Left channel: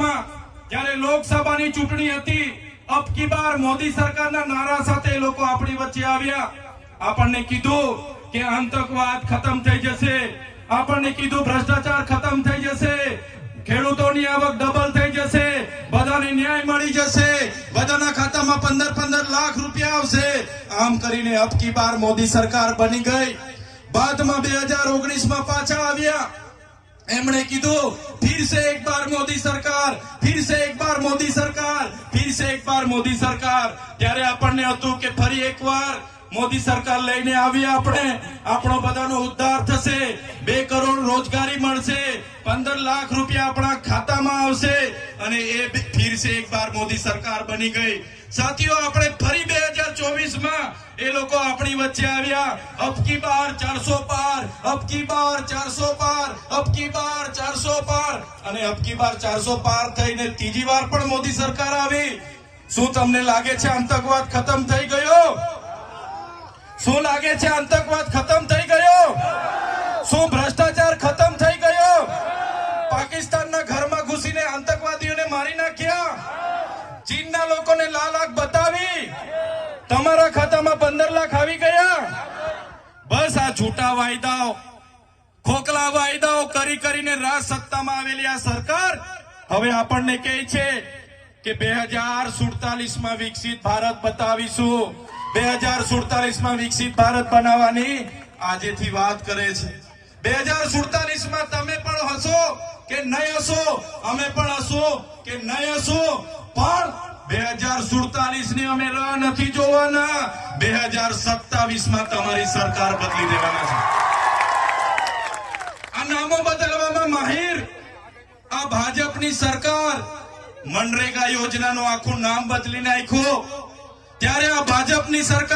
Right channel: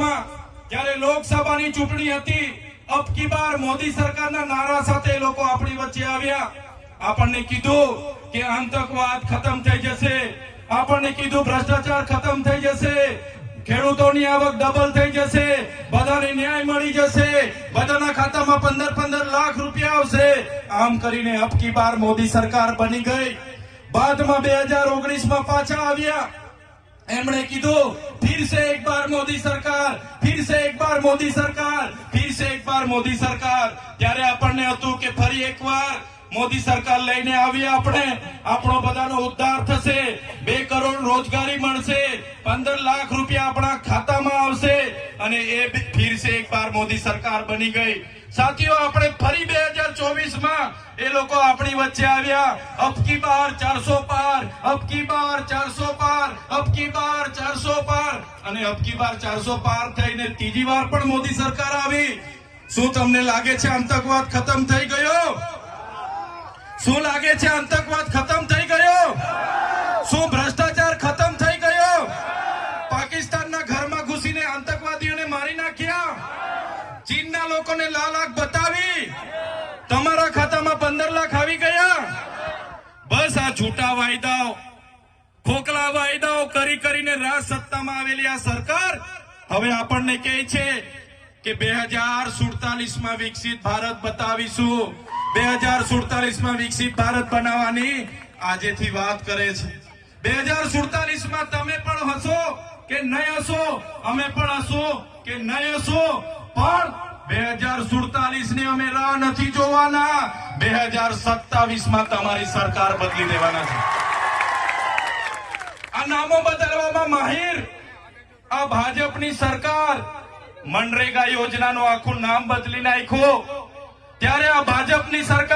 જ્યારે લોકસભાની ચૂંટણી હતી, અબ કી બાર મોદી સરકારના નારા સાથે લોકો આપણી વચ્ચે આવ્યા. આપણને કીધું કે આતંકવાદ ખતમ થઈ જશે, આપણને કીધું ભ્રષ્ટાચાર ખતમ થઈ જશે, ખેડૂતોની આવક ડબલ થઈ જશે, બધાને ન્યાય મળી જશે, બધાના ખાતામાં 15-15 લાખ રૂપિયા આવશે. આમ કરીને અબ કી બાર મોદી સરકાર બની ગઈ. બાદમાં 2019માં પાછા આવ્યા. એમણે કીધું फिर से एक बार मोदी सरकार, फिर से एक बार मोदी सरकार, फिर से एक बार मोदी सरकार. ત્યારે આપણને હતું કે ફરી એકવાર મોદી સરકાર લઈને આવી, આપણો બધાનો ઉદ્ધાર થશે, 2 કરોડ રોજગારી મળશે, 15 લાખ રૂપિયા આપણા ખાતામાં આવશે અને એ ફિર સે એક બાર મોદી સરકાર બની ગઈ. સાથીઓ, આપણે ફરી 2024માં એ લોકો આપણી વચ્ચે આવ્યા. અબ કી બાર 400 પાર, અબ કી બાર 400 પાર, અબ કી બાર 400 પાર. અને અબ કી બાર 400 પાર થઈને ત્રીજી વાર પણ મોદી સરકાર આવી. શું તમને લાગે છે આતંકવાદ ખતમ થઈ ગયો? શું લાગે છે આતંકવાદ ખતમ થઈ ગયો? શું ભ્રષ્ટાચાર ખતમ થઈ ગયો? પાકિસ્તાનના ઘરમાં ઘૂસીને આતંકવાદીઓને મારી નાખ્યા, ચીનના લોકોને લાલ આંખ બતાવી, તમારા ખાતામાં 15 લાખ આવી ગયા. બસ આ છૂટા વાયદાઓ, ખોખલા વાયદાઓ કરી કરીને રાજ સત્તામાં આવેલી આ સરકાર હવે આપણને કહે છે કે 2047માં વિકસિત ભારત બતાવીશું. 2047માં વિકસિત ભારત બનાવવાની આજેથી વાત કરે છે. 2047માં તમે પણ હશો કે નહીં હશો, અમે પણ હશો કે નહીં હશો, પણ 2047ની અમે રાહ નથી જોવાના. 2027માં તમારી સરકાર બદલી દેવાના છે. આ નામો બદલવામાં માહિર આ ભાજપની સરકાર મનરેગા યોજનાનું આખું નામ બદલી નાખ્યું. ત્યારે આ ભાજપની સરકાર